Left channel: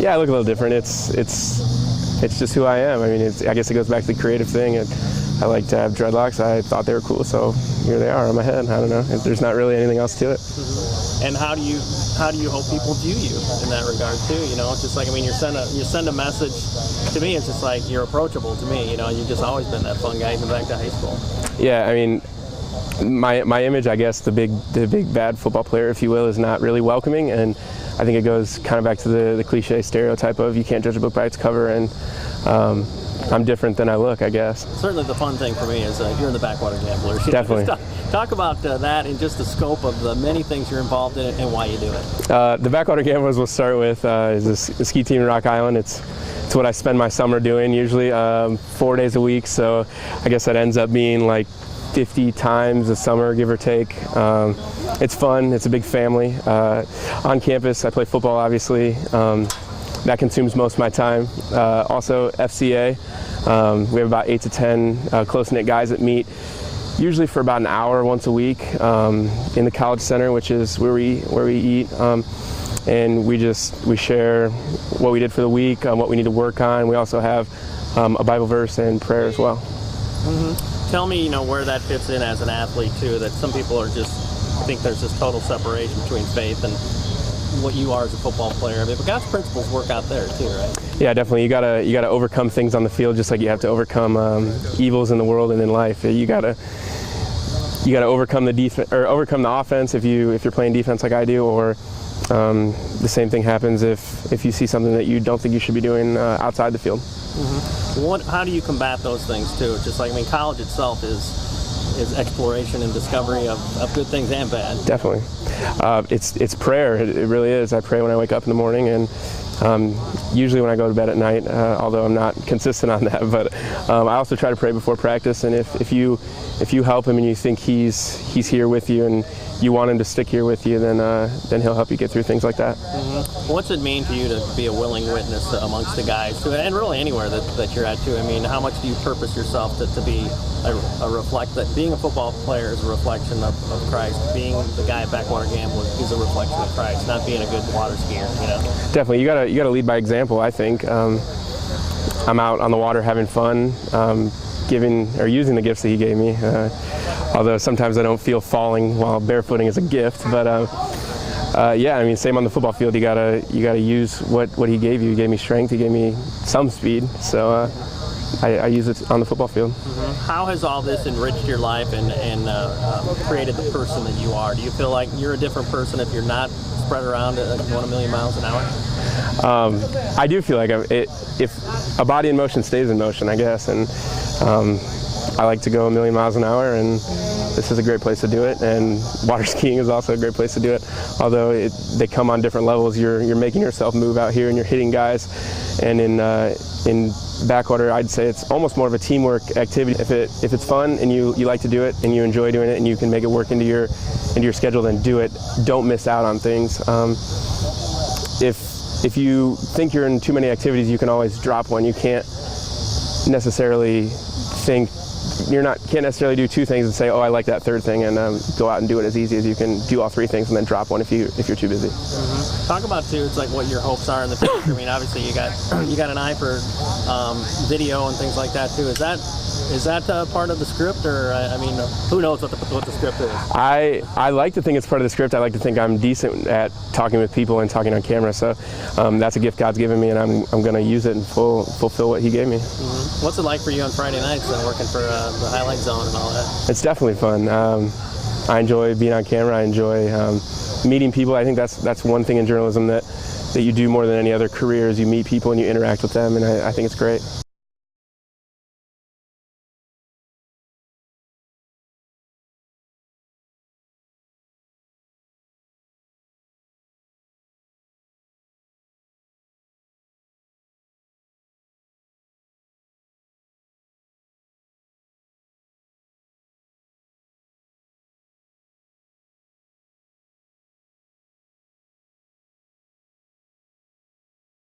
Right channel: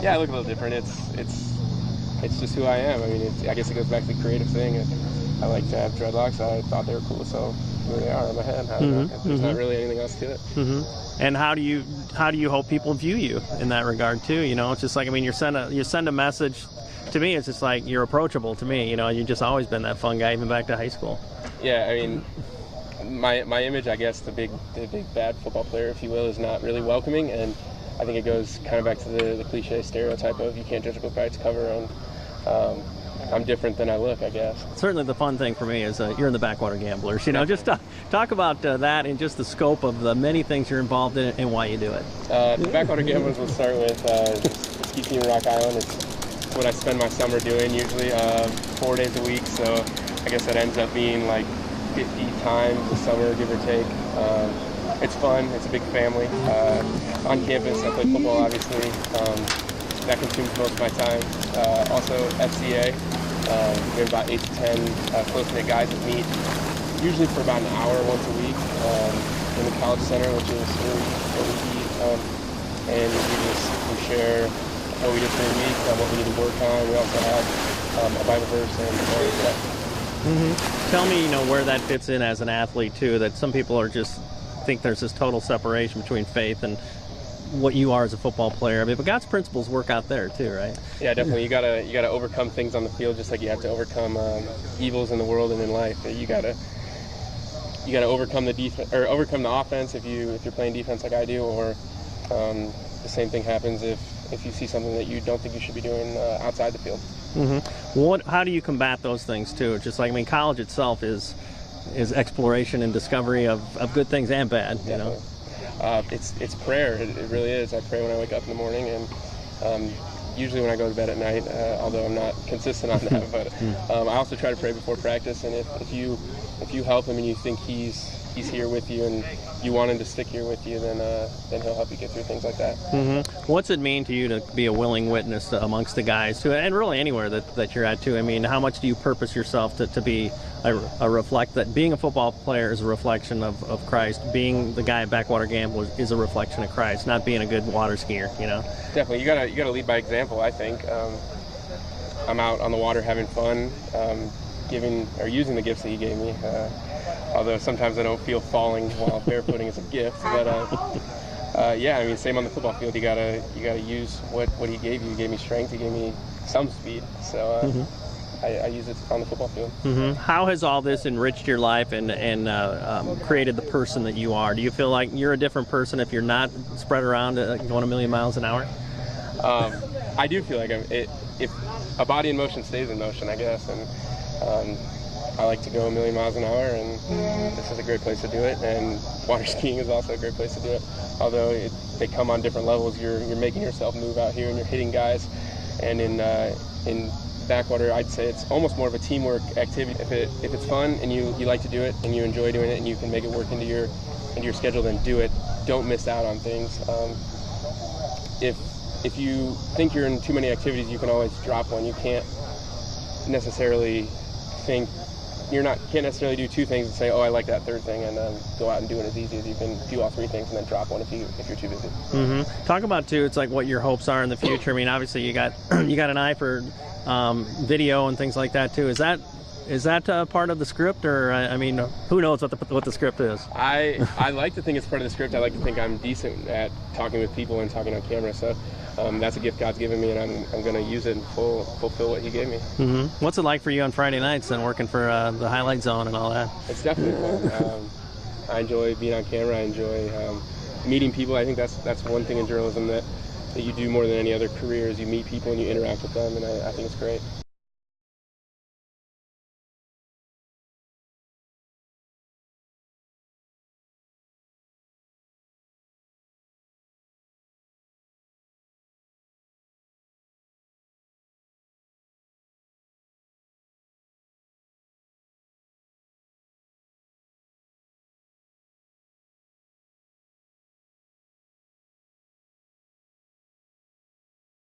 Yeah, I look a little different. It's just who I am. I mean, I guess it goes back to the creative thing. I like to have dreadlocks. I thought they were cool, so here they are on my head. I don't know. There's not really anything else to it. And how do you hope people view you in that regard too? You know, it's just like, I mean, you send a message. To me, it's just like you're approachable. To me, you know, you've just always been that fun guy even back to high school. Yeah, I mean, my image, I guess, the big bad football player, if you will, is not really welcoming, and I think it goes kind of back to the cliche stereotype of you can't judge a book by its cover, and I'm different than I look, I guess. Certainly the fun thing for me is you're the Backwater Gamblers. Definitely. Just talk about that and just the scope of the many things you're involved in and why you do it. The Backwater Gamblers will start with the ski team in Rock Island. It's what I spend my summer doing, usually 4 days a week, so I guess that ends up being like 50 times a summer, give or take. It's fun. It's a big family. On campus, I play football, obviously. That consumes most of my time. Also, FCA. We have about 8 to 10 close-knit guys that meet, usually for about an hour once a week in the College Center, which is where we eat. And we share what we did for the week, what we need to work on. We also have a Bible verse and prayer as well. Tell me, you know, where that fits in as an athlete too. That some people are just think there's this total separation between faith and what you are as a football player. I mean, but God's principles work out there too, right? Yeah, definitely. You gotta overcome things on the field, just like you have to overcome evils in the world and in life. You gotta overcome the defense or overcome the offense if you're playing defense like I do, or the same thing happens if you see something that you don't think you should be doing outside the field. How do you combat those things too? Just like, I mean, college itself is exploration and discovery of good things and bad. Definitely. It's prayer. It really is. I pray when I wake up in the morning, and usually when I go to bed at night, although I'm not consistent on that, but I also try to pray before practice. And if you help him and you think he's here with you and you want him to stick here with you, then he'll help you get through things like that. What's it mean to you to be a willing witness amongst the guys too, and really anywhere that you're at too? I mean, how much do you purpose yourself to be that being a football player is a reflection of Christ, being the guy at Backwater Gamble is a reflection of Christ, not being a good water skier, you know? Definitely. You gotta lead by example, I think. I'm out on the water having fun, using the gifts that he gave me. Although sometimes I don't feel falling while barefooting is a gift, but yeah, I mean, same on the football field. You gotta use what he gave you. He gave me strength. He gave me some speed. So I use it on the football field. How has all this enriched your life and created the person that you are? Do you feel like you're a different person if you're not spread around at going a million miles an hour? I do feel like if a body in motion stays in motion, I guess, and I like to go a million miles an hour, and this is a great place to do it, and water skiing is also a great place to do it. Although they come on different levels, you're making yourself move out here and you're hitting guys, and in Backwater, I'd say it's almost more of a teamwork activity. If it's fun and you like to do it and you enjoy doing it and you can make it work into your schedule, then do it. Don't miss out on things. If you think you're in too many activities, you can always drop one. You can't necessarily do two things and say, oh, I like that third thing, and go out and do it as easy as you can do all three things and then drop one if you're too busy. Talk about too, it's like what your hopes are in the future. I mean, obviously you got an eye for video and things like that too. Is that part of the script, or I mean, who knows what the script is? I like to think it's part of the script. I like to think I'm decent at talking with people and talking on camera. So that's a gift God's given me, and I'm going to use it and fulfill what He gave me. What's it like for you on Friday nights working for the Highlight Zone and all that? It's definitely fun. I enjoy being on camera. I enjoy meeting people. I think that's one thing in journalism that you do more than any other career is you meet people and you interact with them, and I think it's great.